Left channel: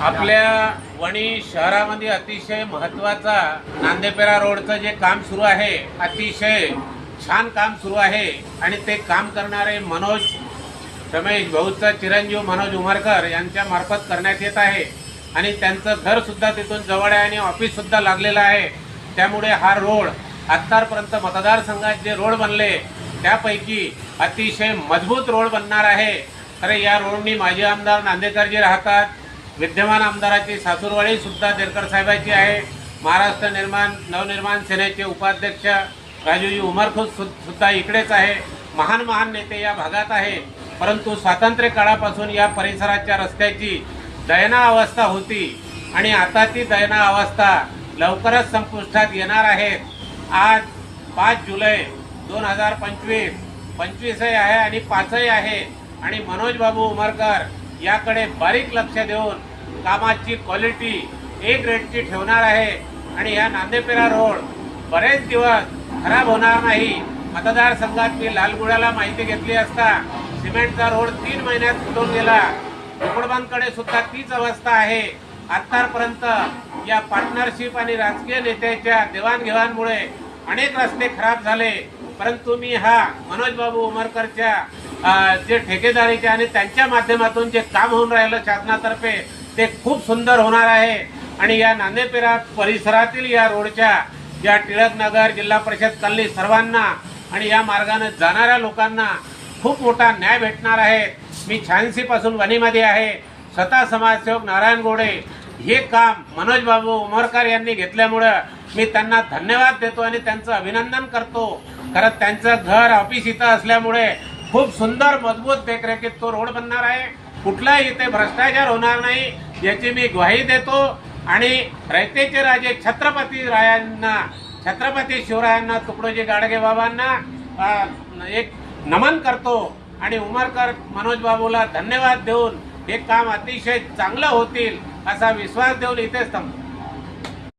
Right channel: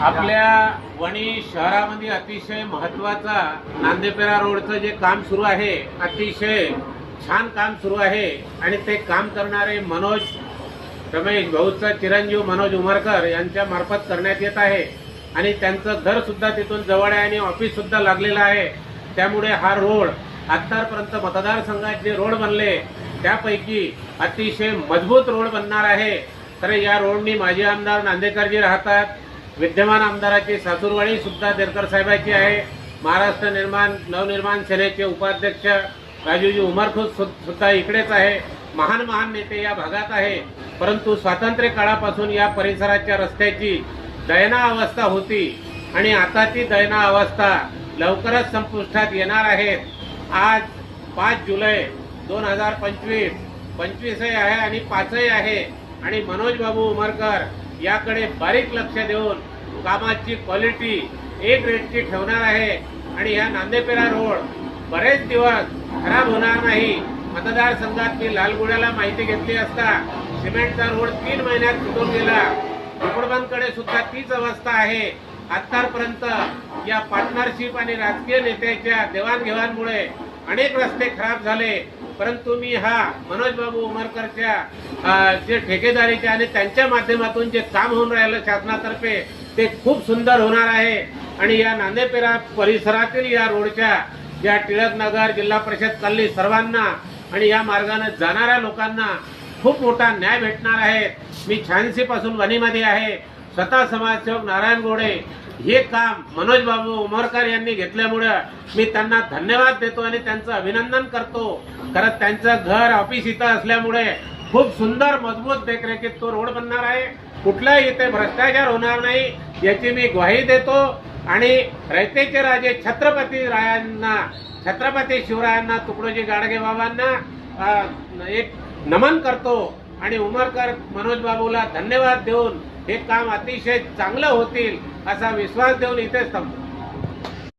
आपल्या वणी शहरामध्ये अतिशय महत्त्वाचा नांदेपेरा रोडचं जे काम सुरू आहे, अतिशय छान काम सुरू आहे आणि ते काम करणारे मनोज रमेश भाऊचा चिरंजीव मनोज उमरकर यांच्या मार्फत करण्यात येत आहे आणि त्यांचं घर सुद्धा तिथून जवळ आहे आणि ऑफिस सुद्धा लागलेलं आहे। त्यामुळे हा रोड आतापर्यंत मतदारसंघात जे रोड बनले त्यापैकी अतिशय मजबूत रोड बनणार आहे। खरे या रोडनी माजी आमदार नांदेकरजी राहतात, विद्यमान आमदाराची सासूरवाडी सुद्धा देरकर साहेबांची आहे, महाराष्ट्र नवनिर्माण सेनेचे उपाध्यक्ष राजूजी उमरकर सुद्धा इकडेच आहे, महान नेते या भागात आहे। परंतु स्वातंत्र्य काळापासून या परिसराच्या रस्त्याची दयनीय अवस्था होती आणि आता ती दयनीय अवस्था लवकरच संपुष्टात येणार आहे। आज 5 जुलै 2025 25 आहे आणि 5 आहे आणि मनोज बाबू उमरकर याकडे बारीक लक्ष देऊन कामाची क्वालिटी एक रेटची ठेवणार आहे आणि या नांदेपेरा रोड बरेच दिवस खराब होणार नाही। मतदारसंघात मी लालगुड्याला माहिती घेतली असता सिमेंटचा रोड 3 महिन्यात तुटून गेला, झोपडबांकडे सुद्धा तीच अवस्था आहे। आतापर्यंत या पार्टनरशिप आणि राजकीय नेत्याच्या देवाणघेवाणमुळे अनेक रस्ते खराब झाले, परंतु मी हा मनोज बाबू उमरकरच्या जे ठेकेदारीचे आणि त्यांच्या माध्यमातून जे काम होऊन राहिलं शासनातर्फे ते खूप सुंदर होणार आहे आणि या नांदेपेरा परिसरातील या रोडच्या या टिळकनगर जिल्हा परिषद कल्ली सर्वांना आणि या मार्गाने जाणाऱ्या लोकांना खूप मोठा न्याय भेटणार आहे। मी 86 पासून वणीमध्ये आहे, स्वतः समाजसेवक नारायण गोडे हे काम मनोज बाबू उमरकर यांनी घेतल्यामुळे मी त्यांना धन्यवाद देतो आणि त्यांचं अभिनंदन करतो। खरं त्यांचं घर ऑफिस इथं असल्यामुळे खूप सुंदर मजबूत देखरेखीत तो रोड बनणार आहे, कुठलाही इथे भ्रष्टाचार होणार नाही याची मी ग्वाही देतो आणि रयतेचे राजे छत्रपती शिवरायांना तुकडोजी गाडगे बाबांना एक नमन करतो आणि उमरकर मनोज बाबूला धन्यवाद देऊन हे काम अतिशय चांगलं होतील असा विश्वास देऊन इथेच थांबतो।